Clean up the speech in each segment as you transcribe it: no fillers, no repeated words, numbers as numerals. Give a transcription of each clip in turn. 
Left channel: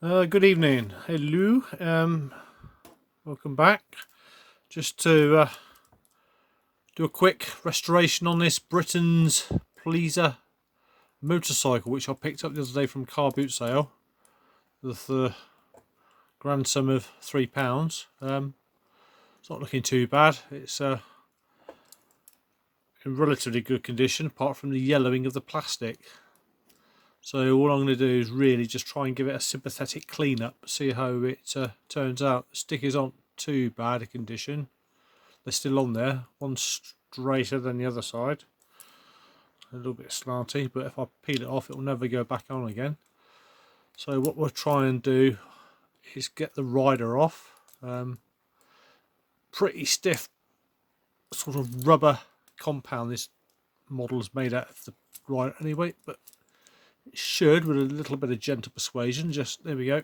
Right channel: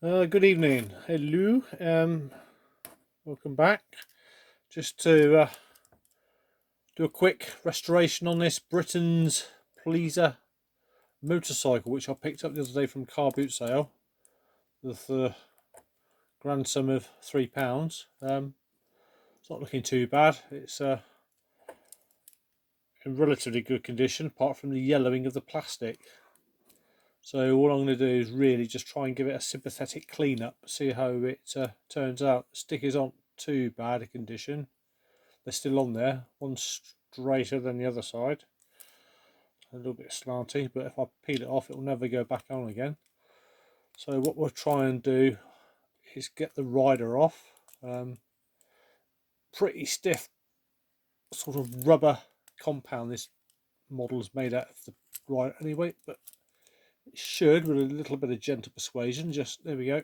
Good evening. Hello. Welcome back. Just to do a quick restoration on this Britain's Poliza motorcycle, which I picked up the other day from car boot sale with the grand sum of £3. It's not looking too bad. It's in relatively good condition, apart from the yellowing of the plastic. So all I'm going to do is really just try and give it a sympathetic clean up, see how it turns out. The stickers aren't too bad a condition. They're still on there, one straighter than the other side, a little bit slanty, but if I peel it off it will never go back on again. So what we'll try and do is get the rider off. Pretty stiff sort of rubber compound this model is made out of the rider anyway, but it should, with a little bit of gentle persuasion, just there we go.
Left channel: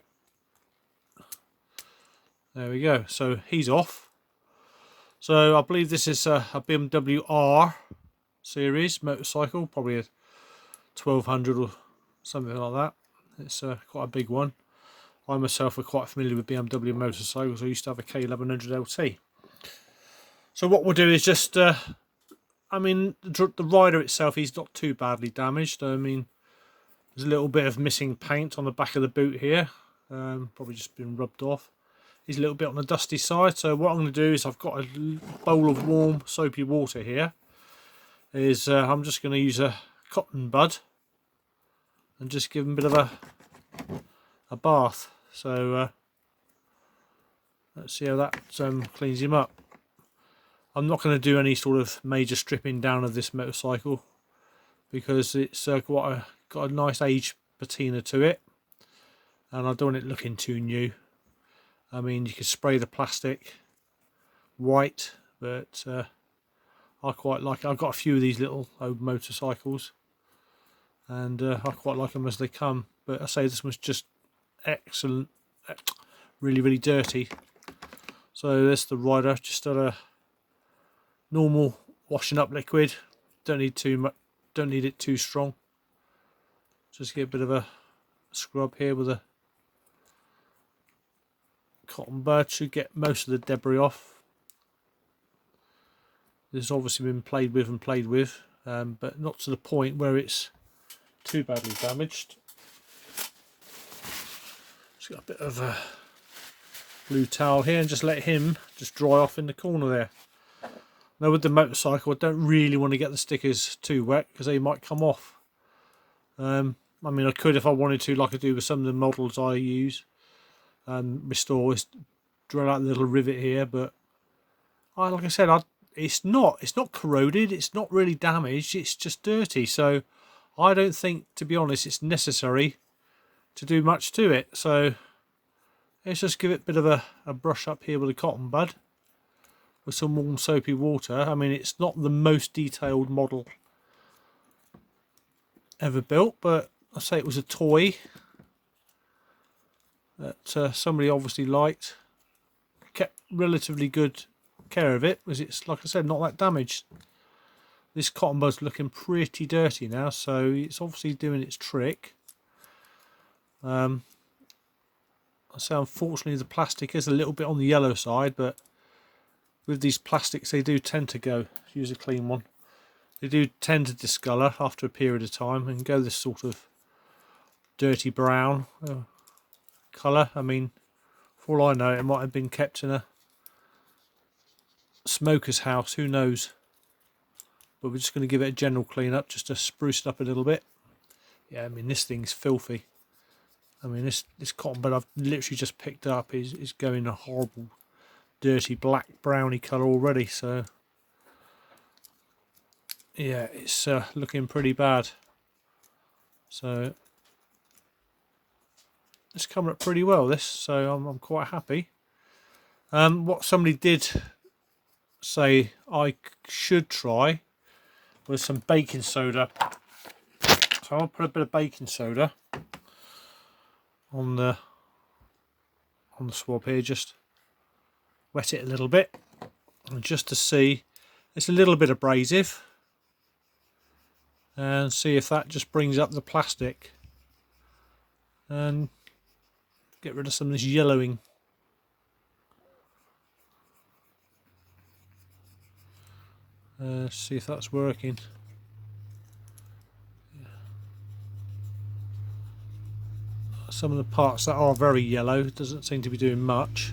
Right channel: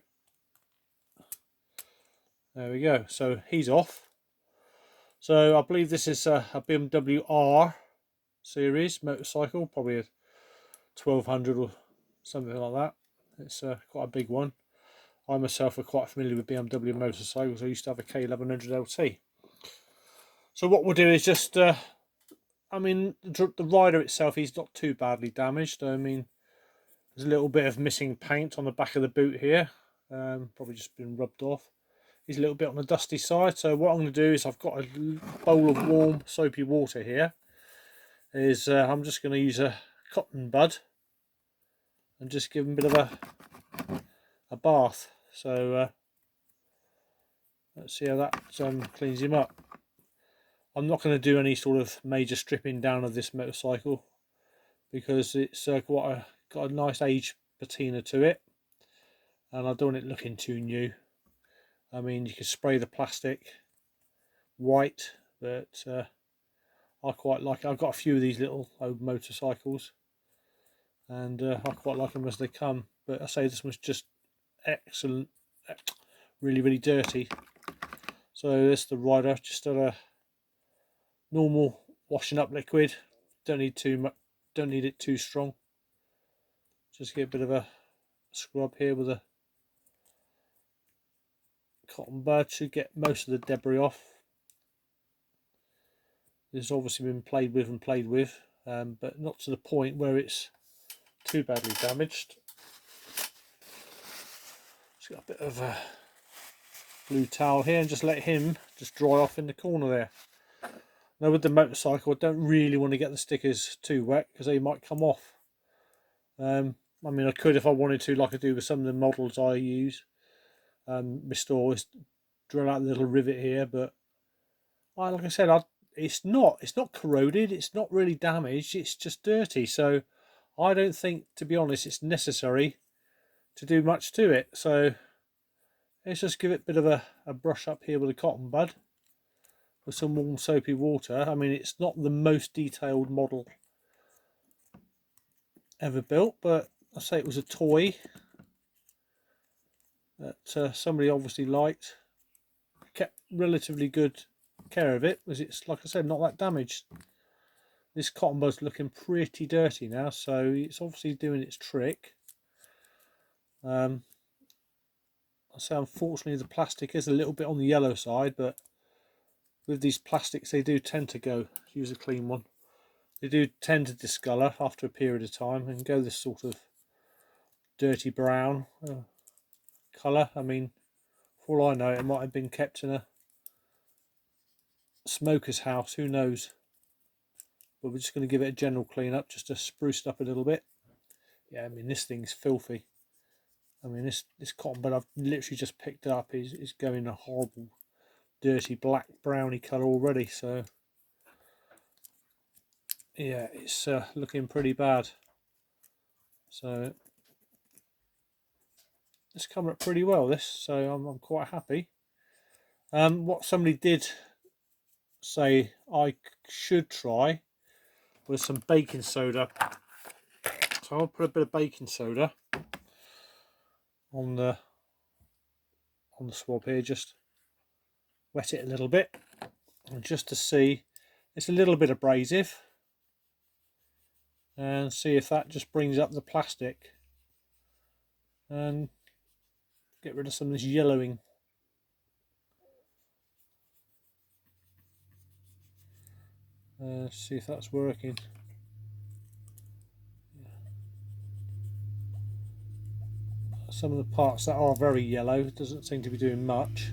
There we go. So he's off. So I believe this is a BMW R series motorcycle, probably a 1200 or something like that. It's quite a big one. I myself are quite familiar with BMW motorcycles. I used to have a K1100 LT. So what we'll do is just, I mean, the rider itself, he's not too badly damaged. I mean, there's a little bit of missing paint on the back of the boot here. Probably just been rubbed off. He's a little bit on the dusty side. So what I'm going to do is I've got a bowl of warm soapy water here. I'm just going to use a cotton bud and just give him a bit of a bath. So let's see how that cleans him up. I'm not going to do any sort of major stripping down of this motorcycle because it's got a nice age patina to it, and I don't want it looking too new. I mean, you could spray the plastic white, but I quite like it. I've got a few of these little old motorcycles, and I quite like them as they come. But I say this was just excellent, really, really dirty. So there's the rider, just a normal washing up liquid. Don't need too much. Don't need it too strong. Just get a bit of a scrub here with a cotton bud. Should get most of the debris off. This has obviously been played with, but not to the point where it's too badly damaged. Just got a bit of a blue towel here and just let him just dry off in the corner there. Now with the motorcycle, I don't really want to get the stickers too wet because they might come off. I mean, I could if I wanted to, like I do with some of the models I use. Restore, drill out a little rivet here, but like I said, it's not corroded, it's not really damaged, it's just dirty. So I don't think, to be honest, it's necessary to do much to it. So let's just give it a bit of a brush up here with a cotton bud with some warm soapy water. I mean, it's not the most detailed model ever built, but I say it was a toy that somebody obviously liked, kept relatively good care of it, because it's, like I said, not that damaged. This cotton bud's looking pretty dirty now, so it's obviously doing its trick. I say unfortunately the plastic is a little bit on the yellow side, but with these plastics they do tend to go, use a clean one, they do tend to discolour after a period of time and go this sort of dirty brown colour. I mean, for all I know, it might have been kept in a smoker's house, who knows. But we're just going to give it a general clean up just to spruce it up a little bit. Yeah, I mean, this thing's filthy. I mean, this cotton bud I've literally just picked up is going a horrible dirty black browny colour already. So yeah, it's looking pretty bad. So it's coming up pretty well, this, so I'm quite happy. What somebody did say I should try was some baking soda. So I'll put a bit of baking soda on the swab here, just wet it a little bit, and just to see, it's a little bit abrasive, and see if that just brings up the plastic. And get rid of some of this yellowing. See if that's working. Some of the parts that are very yellow doesn't seem to be doing much.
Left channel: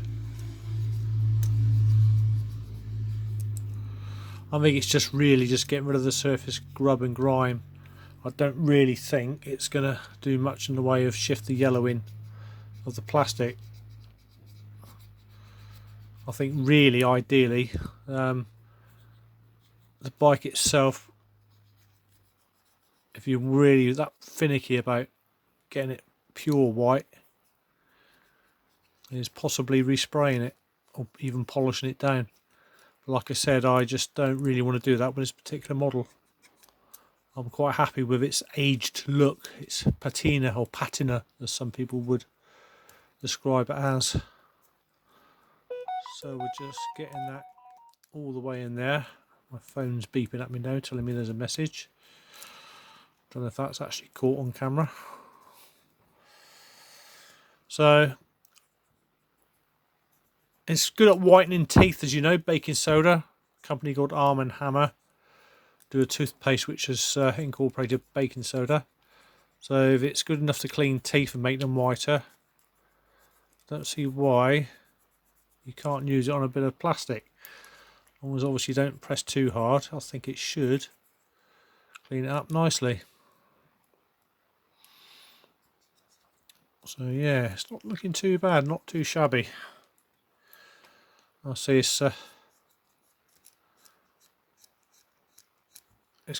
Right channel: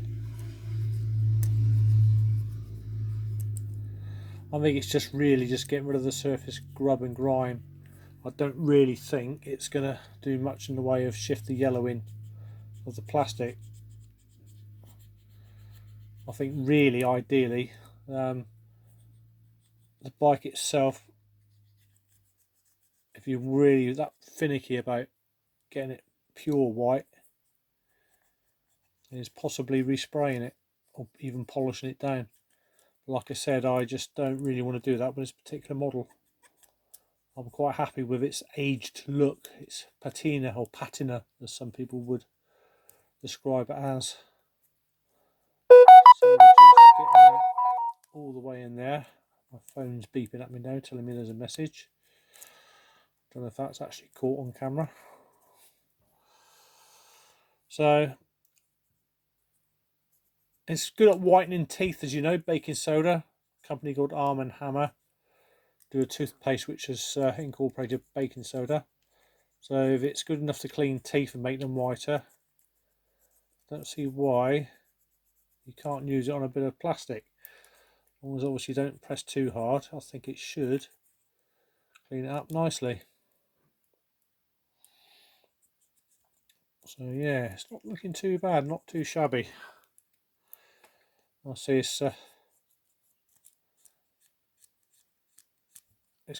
I think it's just really just getting rid of the surface grub and grime. I don't really think it's going to do much in the way of shift the yellowing of the plastic. I think really ideally the bike itself, if you're really that finicky about getting it pure white, is possibly respraying it or even polishing it down. But like I said, I just don't really want to do that with this particular model. I'm quite happy with its aged look, its patina or patina as some people would describe it as. So we're just getting that all the way in there. My phone's beeping at me now, telling me there's a message. Don't know if that's actually caught on camera. So it's good at whitening teeth, as you know. Baking soda, a company called Arm & Hammer, do a toothpaste which has incorporated baking soda. So if it's good enough to clean teeth and make them whiter, don't see why you can't use it on a bit of plastic. As long as obviously you don't press too hard, I think it should clean it up nicely. So yeah, it's not looking too bad, not too shabby. I see it's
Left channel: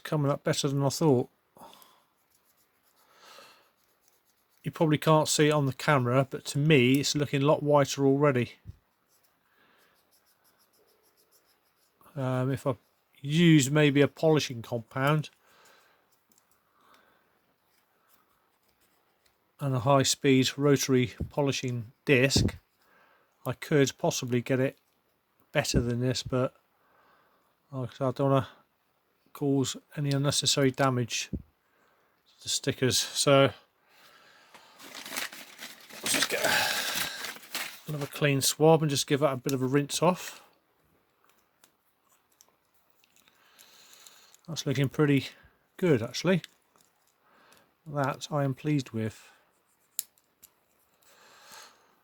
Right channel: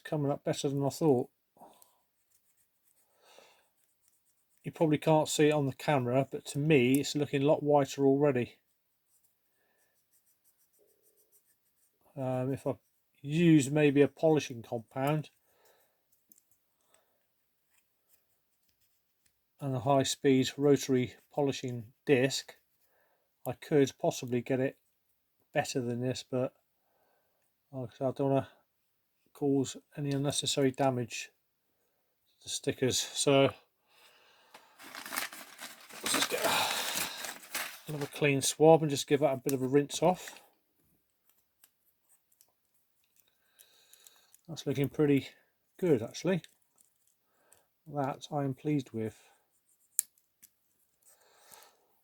coming up better than I thought. You probably can't see it on the camera, but to me it's looking a lot whiter already. If I use maybe a polishing compound and a high-speed rotary polishing disc, I could possibly get it better than this, but I don't want to cause any unnecessary damage to the stickers. So let's just get another clean swab and just give that a bit of a rinse off. That's looking pretty good, actually. That I am pleased with.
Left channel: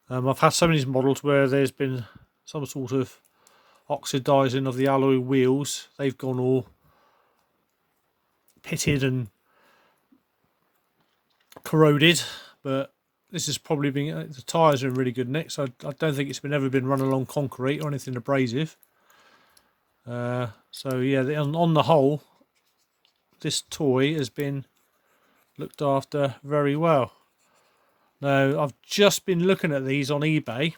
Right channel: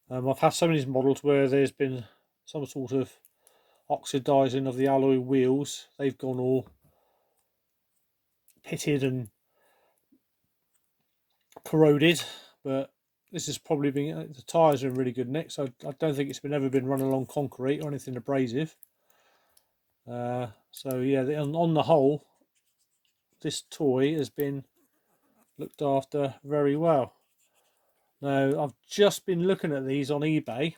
I've had some of these models where there's been some sort of oxidizing of the alloy wheels. They've gone all pitted and corroded, but this has probably been, the tyres are in really good nick, so I don't think it's ever been run along concrete or anything abrasive. So yeah, on the whole, this toy has been looked after very well. Now, I've just been looking at these on eBay.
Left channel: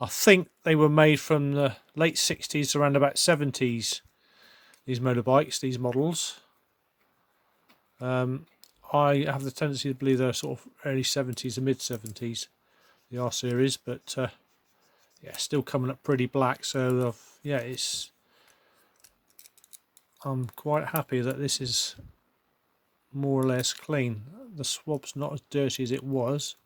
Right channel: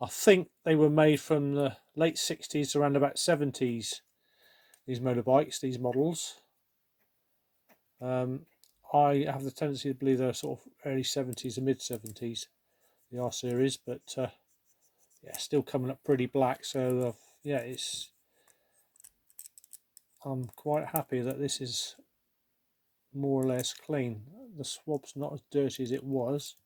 I think they were made from the late 60s around about 70s, these motorbikes, these models. I have the tendency to believe they're sort of early 70s to mid 70s, the R series, but yeah, still coming up pretty black. So yeah, I'm quite happy that this is more or less clean. The swab's not as dirty as it was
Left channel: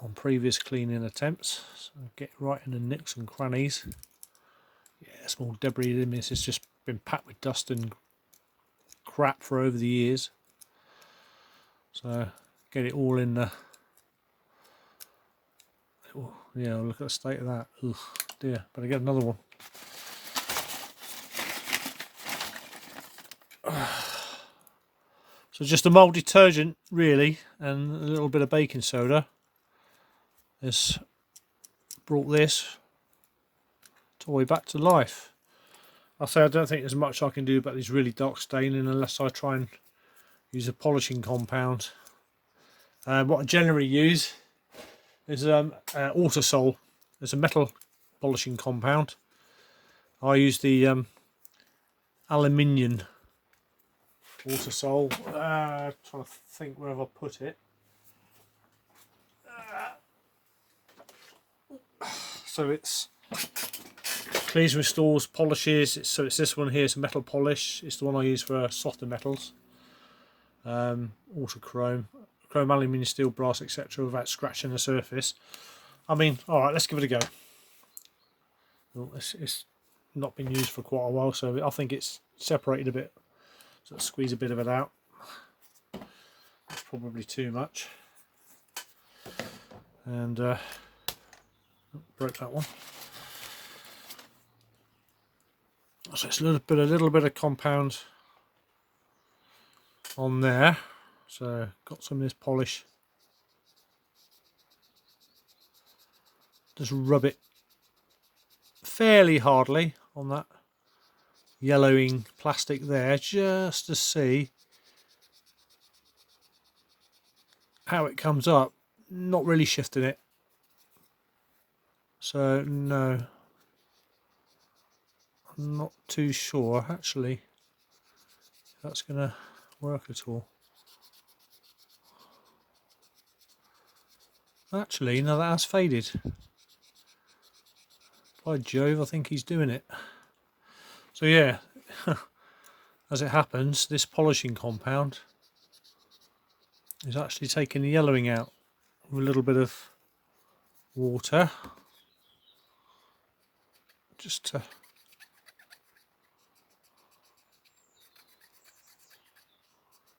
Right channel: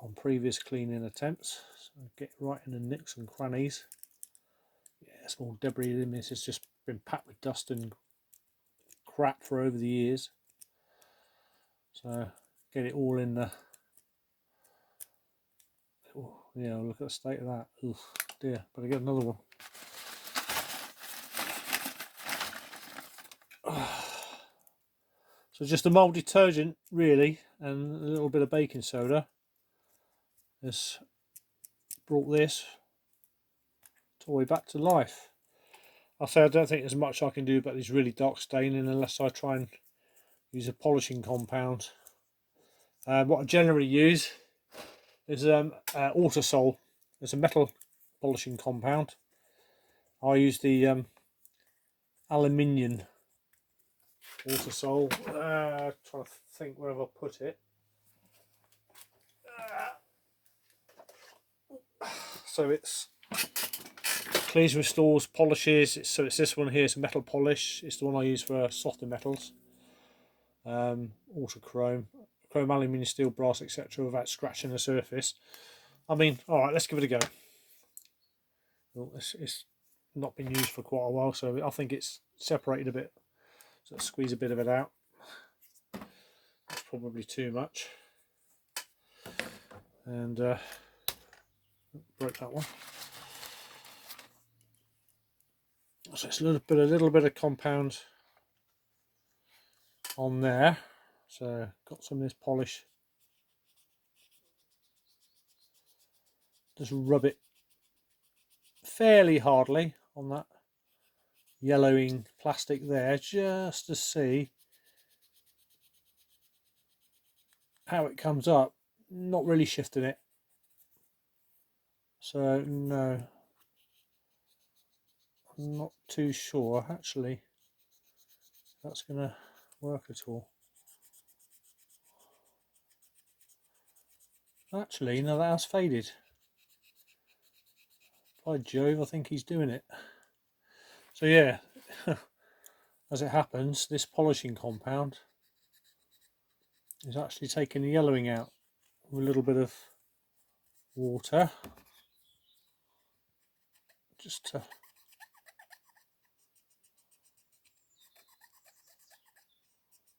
on previous cleaning attempts, so get right in the nicks and crannies. Yeah, small debris in this has just been packed with dust and crap for over the years, so get it all in the yeah, look at the state of that. Ugh, dear, better get another one. So just a mild detergent really and a little bit of baking soda has brought this toy back to life. I say I don't think there's much I can do about this really dark staining unless I try and use a polishing compound. What I generally use is Autosol. There's a metal polishing compound. I use the aluminium Autosol. Trying to think where have I put it. So it's cleans, restores, polishes. So it's this one here. It's a metal polish. It's the one I use for softer metals. Autochrome. chrome, aluminium, steel, brass, etc. without scratching the surface. I mean, alright, let's give it a go. Well, it's not been used for quite a while, so I think it's separated a bit. So let's squeeze a bit of it out. That's probably too much. And broke that one. So it's a little bit of compound on there. So got some of this polish. Just rub it fairly hardly on that yellowing plastic there, just to see how it comes up. Not really shifting it. So no, I'm not too sure actually if that's gonna work at all. Actually, no, that has faded. By Jove, I think he's doing it. So yeah, as it happens, this polishing compound is actually taking the yellowing out with a little bit of water. Just to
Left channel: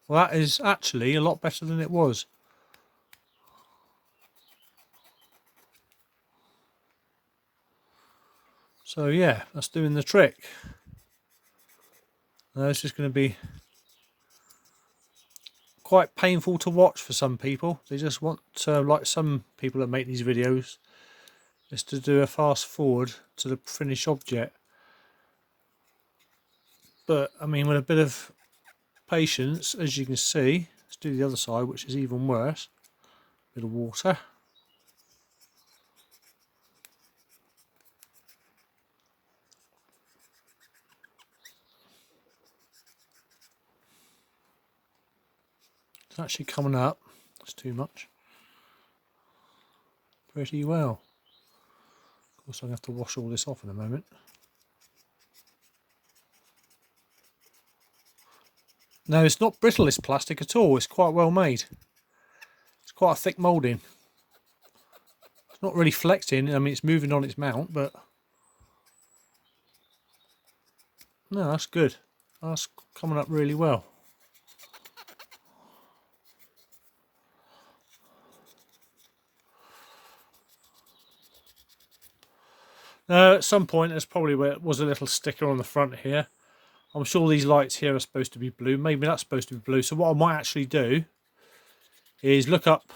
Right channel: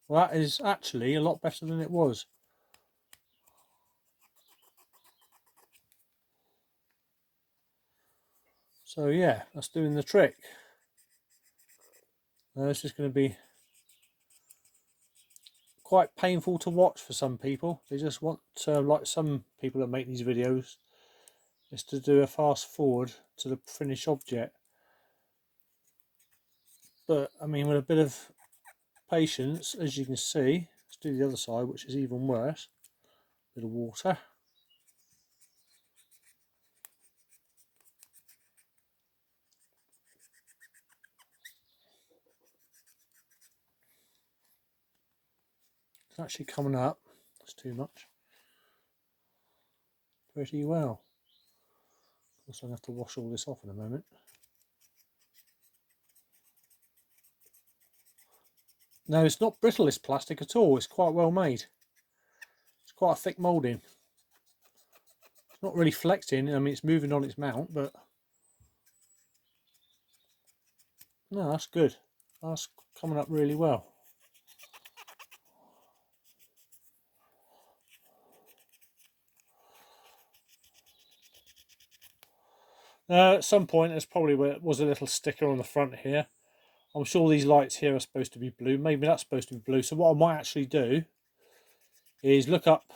well, that is actually a lot better than it was. So yeah, that's doing the trick. Now it's just going to be quite painful to watch for some people. They just want, like some people that make these videos, is to do a fast forward to the finished object. But I mean, with a bit of patience, as you can see, let's do the other side, which is even worse. Bit of water. It's actually coming up. It's too much. Pretty well. Of course, I'm going to have to wash all this off in a moment. No, it's not brittle, this plastic at all. It's quite well made. It's quite a thick moulding. It's not really flexing. I mean, it's moving on its mount, but no, that's good. That's coming up really well. Now, at some point, there's probably where it was a little sticker on the front here. I'm sure these lights here are supposed to be blue. Maybe that's supposed to be blue. So what I might actually do is look up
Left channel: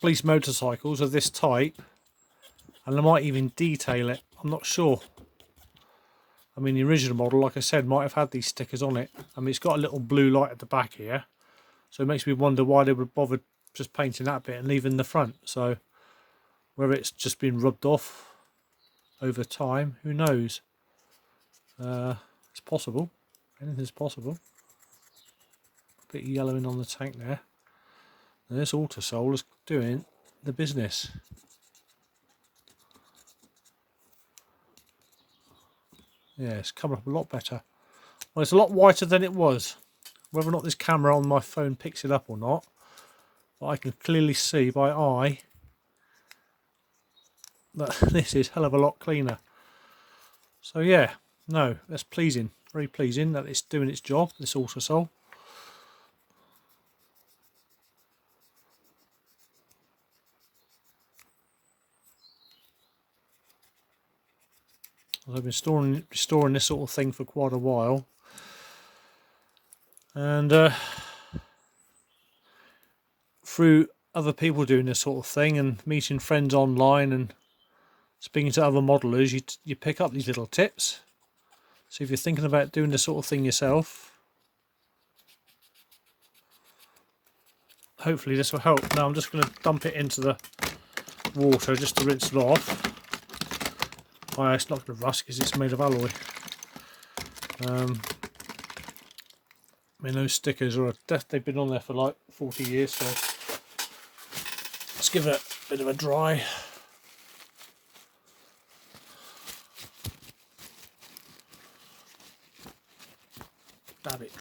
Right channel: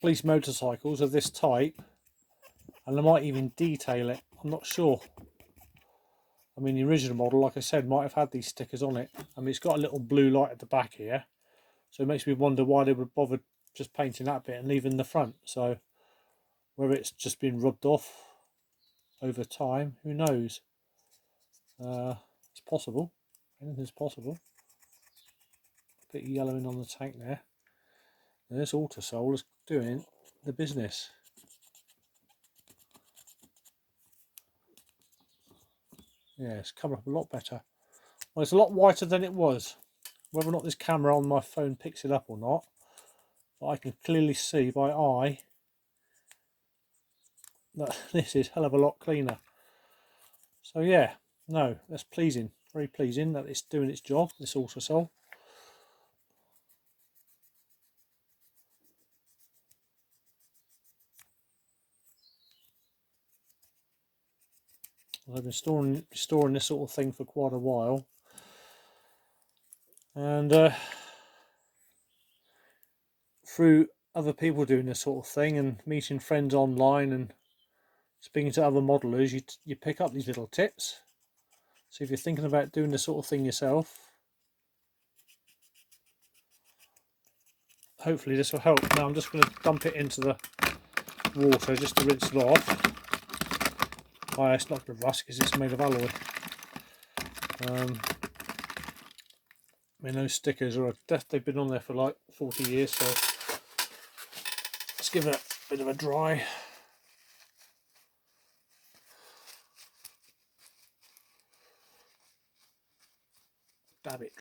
police motorcycles of this type, and I might even detail it. I'm not sure. I mean, the original model, like I said, might have had these stickers on it. I mean, it's got a little blue light at the back here, so it makes me wonder why they would bother just painting that bit and leaving the front. So whether it's just been rubbed off over time, who knows? It's possible. Anything's possible. A bit of yellowing on the tank there. And this Autosol is doing the business. Yeah, it's coming up a lot better. Well, it's a lot whiter than it was. Whether or not this camera on my phone picks it up or not, but I can clearly see by eye that this is a hell of a lot cleaner. So yeah, no, that's pleasing. Very pleasing that it's doing its job, this Autosol. I've been storing this sort of thing for quite a while, and through other people doing this sort of thing and meeting friends online and speaking to other modelers, you pick up these little tips. So if you're thinking about doing this sort of thing yourself, hopefully this will help. Now I'm just going to dump it into the water just to rinse it off. Well, it's not going to rust because it's made of alloy. I mean, those stickers they've been on there for like 40 years, so let's give it a bit of a dry.